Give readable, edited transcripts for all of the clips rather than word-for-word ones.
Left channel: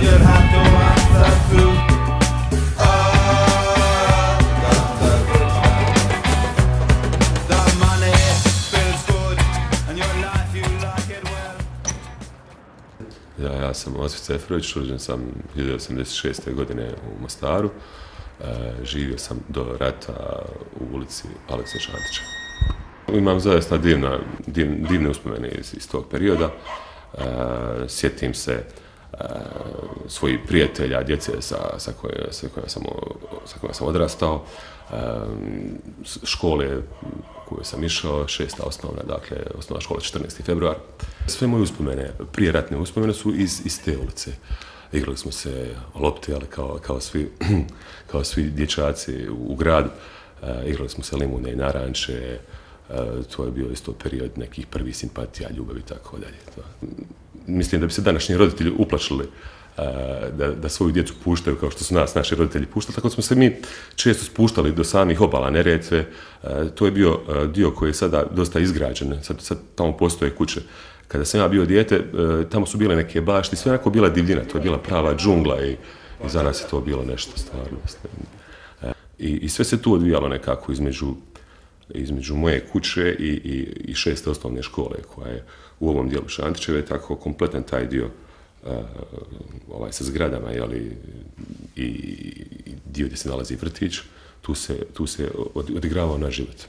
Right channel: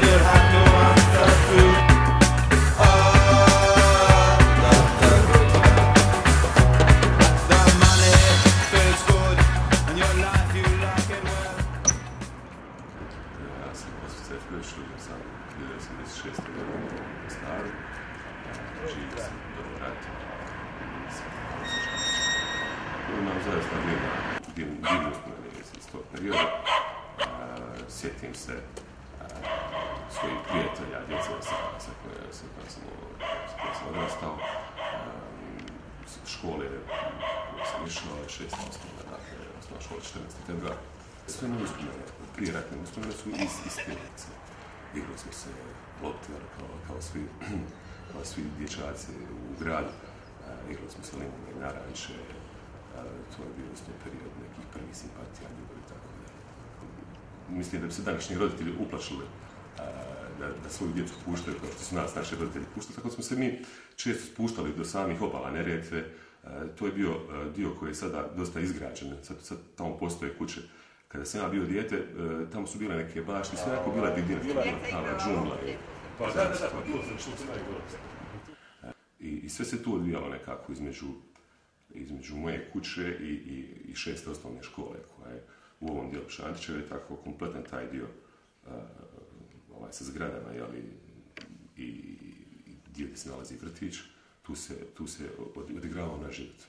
but you'd have to answer to. The money feels good, and your life you like it well. Ja sam Osip Ceferović, rođen sam 1986. godine u Mostaru. Živio sam do rata u ulici Alekse Šantića. Imam zaista divne uspomene iz tog perioda. Sjetim se svojih prijatelja, djece sa kojima sam odrastao, škole koje sam išao, 6. osnovna, dakle osnovna škola 14. februar. Sve moje uspomene, prijeratne uspomene su iz te ulice. Igrali smo se lopte, ali kao svi dječaci u gradu. Igrali smo se limune i naranče. To je bio isto period nekih prvih simpatija, ljubavi i tako dalje. Mislim da bi se današnji roditelji uplašili da svoju djecu puštaju kao što su naši roditelji puštali. Tako smo se mi često spuštali do samih obala Neretve. To je bio dio koji je sada dosta izgrađen. Sad tamo postoje kuće. Kada sam ja bio dijete, tamo su bile neke bašti, sve onako bila divljina, to je bila prava džungla i za nas je to bilo nešto stvarno. I sve se tu odvijalo nekako između moje kuće i 6. osnovne škole koja je u ovom dijelu Šantićeve, tako kompletan taj dio sa zgradama, i dio gdje se nalazi vrtić, tu se odigravao naš život.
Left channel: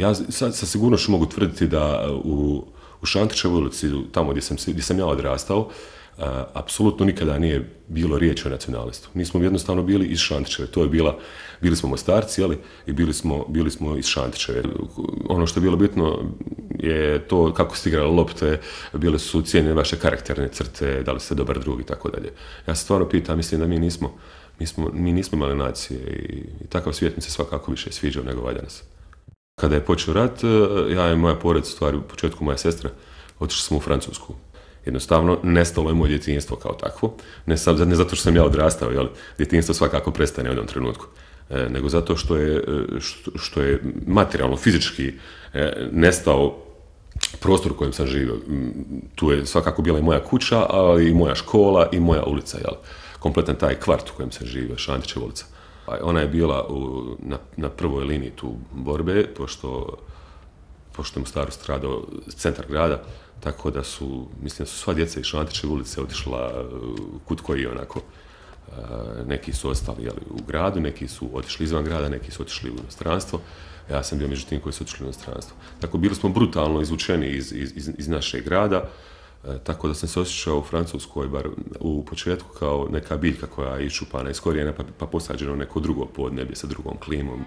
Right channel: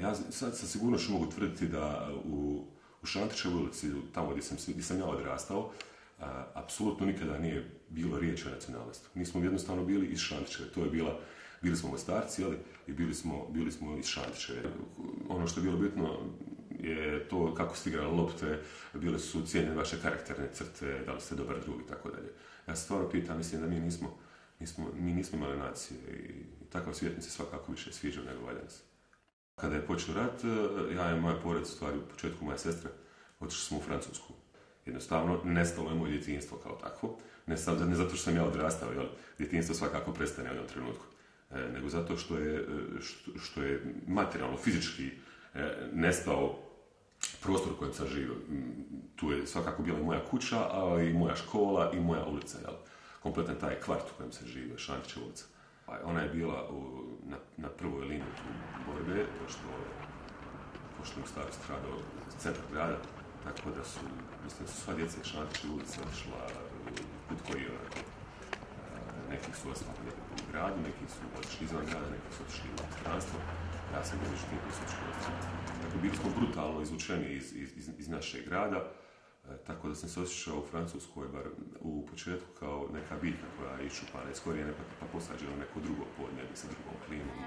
Ja sa sigurnošću mogu tvrditi da u Šantićevoj ulici, tamo gdje sam ja odrastao, apsolutno nikada nije bilo riječi o nacionalistvu. Mi smo jednostavno bili iz Šantićeve. Bili smo Mostarci, i bili smo iz Šantićeve. Ono što je bilo bitno je to kako ste igrali lopte, bile su cijenjene vaše karakterne crte, da li ste dobar drug i tako dalje. Ja se stvarno pitam, mislim da mi nismo imali nacije i takav svijet mi se svakako više sviđao nego valja nas. Kada je počeo rat, ja i moja porodica, u stvari u početku moja sestra, otišli smo u Francusku. Jednostavno, nestalo je moje djetinjstvo kao takvo. Ne zato što sam ja odrastao, djetinjstvo svakako prestane u jednom trenutku, nego zato što je materijalno, fizički nestao prostor u kojem sam živio. Tu je svakako bila i moja kuća, ali i moja škola i moja ulica, kompletan taj kvart u kojem sam živio, Šantićeva ulica. Ona je bila na prvoj liniji tu borbe, pošto je Mostaru stradao centar grada, tako da mislim da su sva djeca iz Šantićeve ulice otišla kud koji onako. Neki su ostali u gradu, neki su otišli izvan grada, neki su otišli u stranstvo. Ja sam bio među tim koji su otišli u stranstvo. Tako bili smo brutalno izvučeni iz našeg grada, tako da sam se osjećao u Francuskoj, bar u početku, kao neka biljka koja je iščupana iz korijena pa posađena u neko drugo podneblje sa drugom klimom.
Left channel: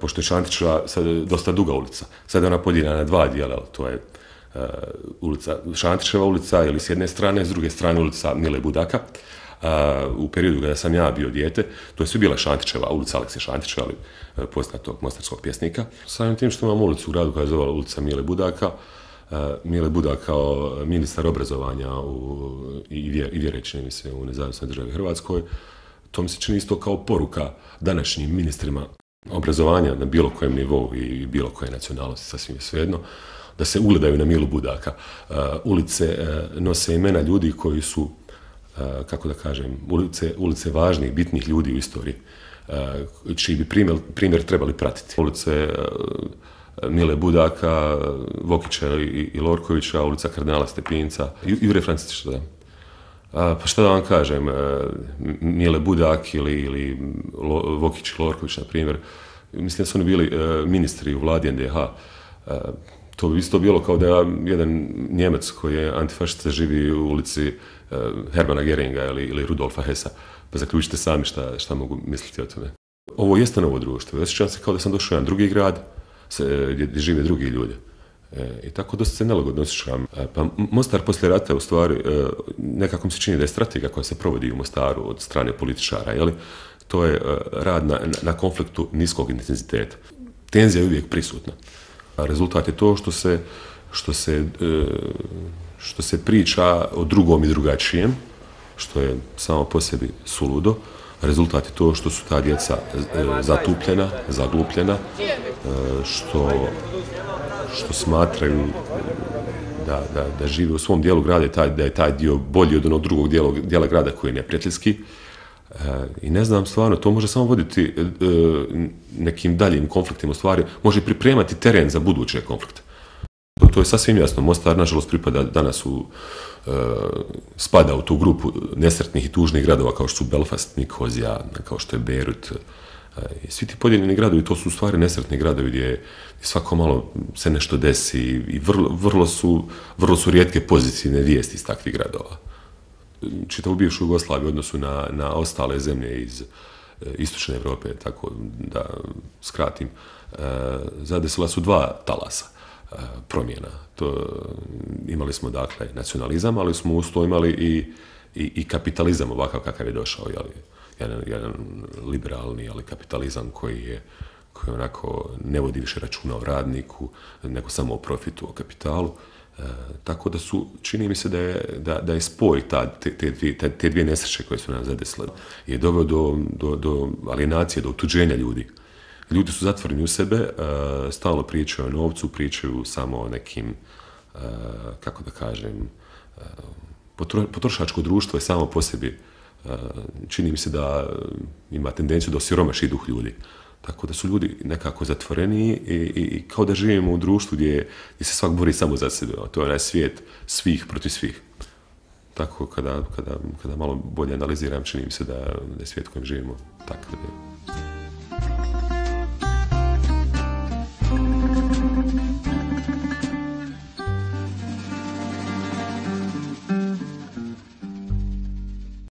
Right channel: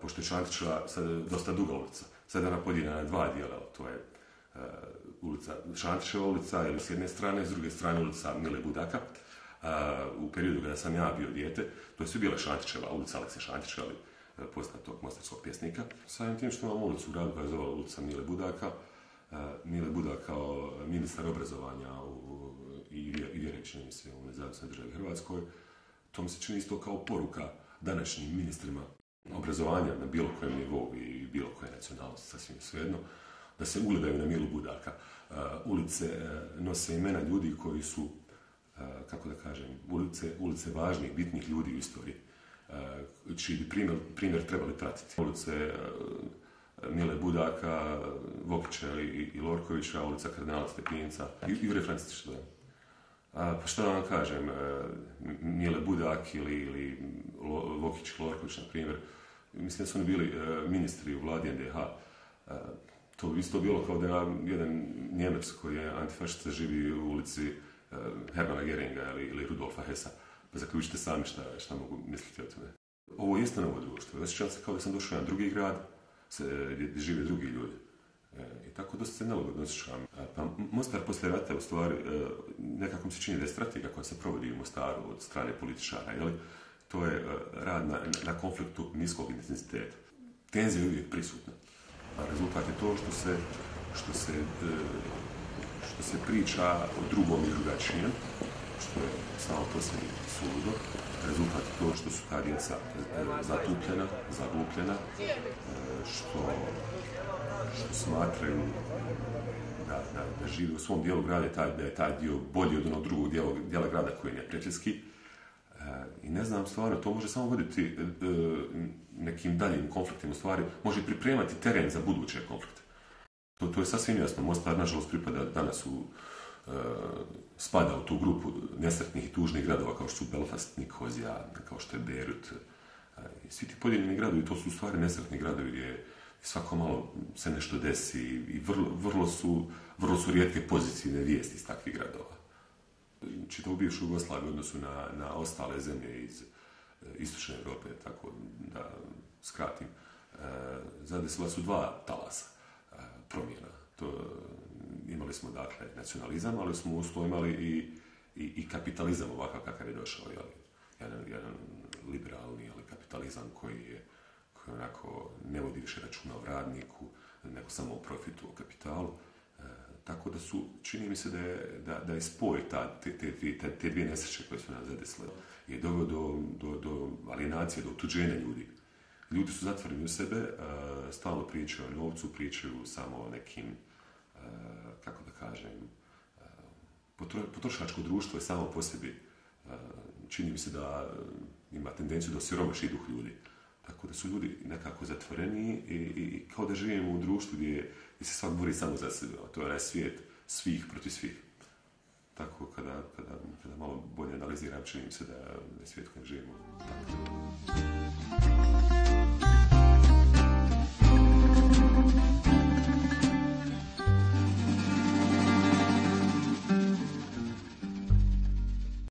Pošto je Šantićeva dosta duga ulica, sad je ona podijeljena na dva dijela, to je Šantićeva ulica, s jedne strane, s druge strane ulica Mile Budaka. U periodu kada sam ja bio dijete, to je sve bila Šantićeva, ulica Alekse Šantića, poznatog mostarskog pjesnika. Samim tim što imam ulicu u gradu koja je zvala ulica Mile Budaka, Mile Budak kao ministar obrazovanja i vjere, čini mi se, u Nezavisnoj državi Hrvatskoj, to mi se čini isto kao poruka današnjim ministrima obrazovanja na bilo kojem nivou i bilo koje nacionalnosti, sasvim svejedno, da se ugledaju na Milu Budaka. Ulice nose imena ljudi koji su, kako da kažem, ulice važnih, bitnih ljudi u istoriji, čiji bi primjer trebali pratiti. Ulice Mile Budaka, Vokića i Lorkovića, ulica Kardinala Stepinca, Jure Francetića, da. Pa šta da vam kažem, Mile Budak ili Vokić i Lorković, na primjer, mislim da su oni bili ministri u vladi NDH. To bi isto bilo kao da jedan Njemac koji je antifašista živi u ulici Hermana Geringa ili Rudolfa Hessa. Pa zaključite sami šta mogu misliti o tome. Ovo jeste novo društvo. Osjećam se kao da sam došao u jedan drugi grad gdje žive drugi ljudi. I tako dosta se nelagodno osjećam. Pa Mostar poslije rata, u stvari, nekako mi se čini da je strategija koja se provodi u Mostaru od strane političara, jeli? To je rad na konfliktu niskog intenziteta. Tenzija je uvijek prisutna. A rezultat je to što se priča o drugom i drugačijem, što je samo po sebi suludo. Rezultat je to što su ta djeca zatupljena, zaglupljena, što smatraju da žive u svom dijelu grada, da je taj dio bolji od onog drugog dijela grada koji je neprijateljski. I ne znam, stvarno, to može samo voditi nekim daljim konfliktima, u stvari može pripremati teren za buduće konflikte. To je sasvim jasno. Mostar, nažalost, pripada danas spada u tu grupu nesretnih i tužnih gradova kao što su Belfast, Nikozija, kao što je Beirut. I svi ti podijeljeni gradovi, to su u stvari nesretni gradovi gdje svako malo se nešto desi i vrlo su rijetke pozitivne vijesti iz takvih gradova. Čitavu bivšu Jugoslaviju u odnosu na ostale zemlje iz istočne Europe, tako da skratim, zadesila su dva talasa promjena. Imali smo, dakle, nacionalizam, ali smo uz to imali i kapitalizam ovakav kakav je došao, jedan liberalni, ali kapitalizam koji onako ne vodi više računa o radniku, nego samo o profitu, o kapitalu. Tako da čini mi se da je spoj te dvije nesreće koje su nas zadesile je doveo do alienacije, do otuđenja ljudi. Ljudi su zatvoreni u sebe, stalno pričaju o novcu, pričaju samo o nekim, kako da kažem, potrošačko društvo je samo po sebi, čini mi se da ima tendenciju da osiromaši duh ljudi. Tako da su ljudi nekako zatvoreni i kao da živimo u društvu gdje se svak bori samo za sebe. To je onaj svijet svih protiv svih. Tako kada malo bolje analiziram, čini mi se da je svijet u kojem živimo takav.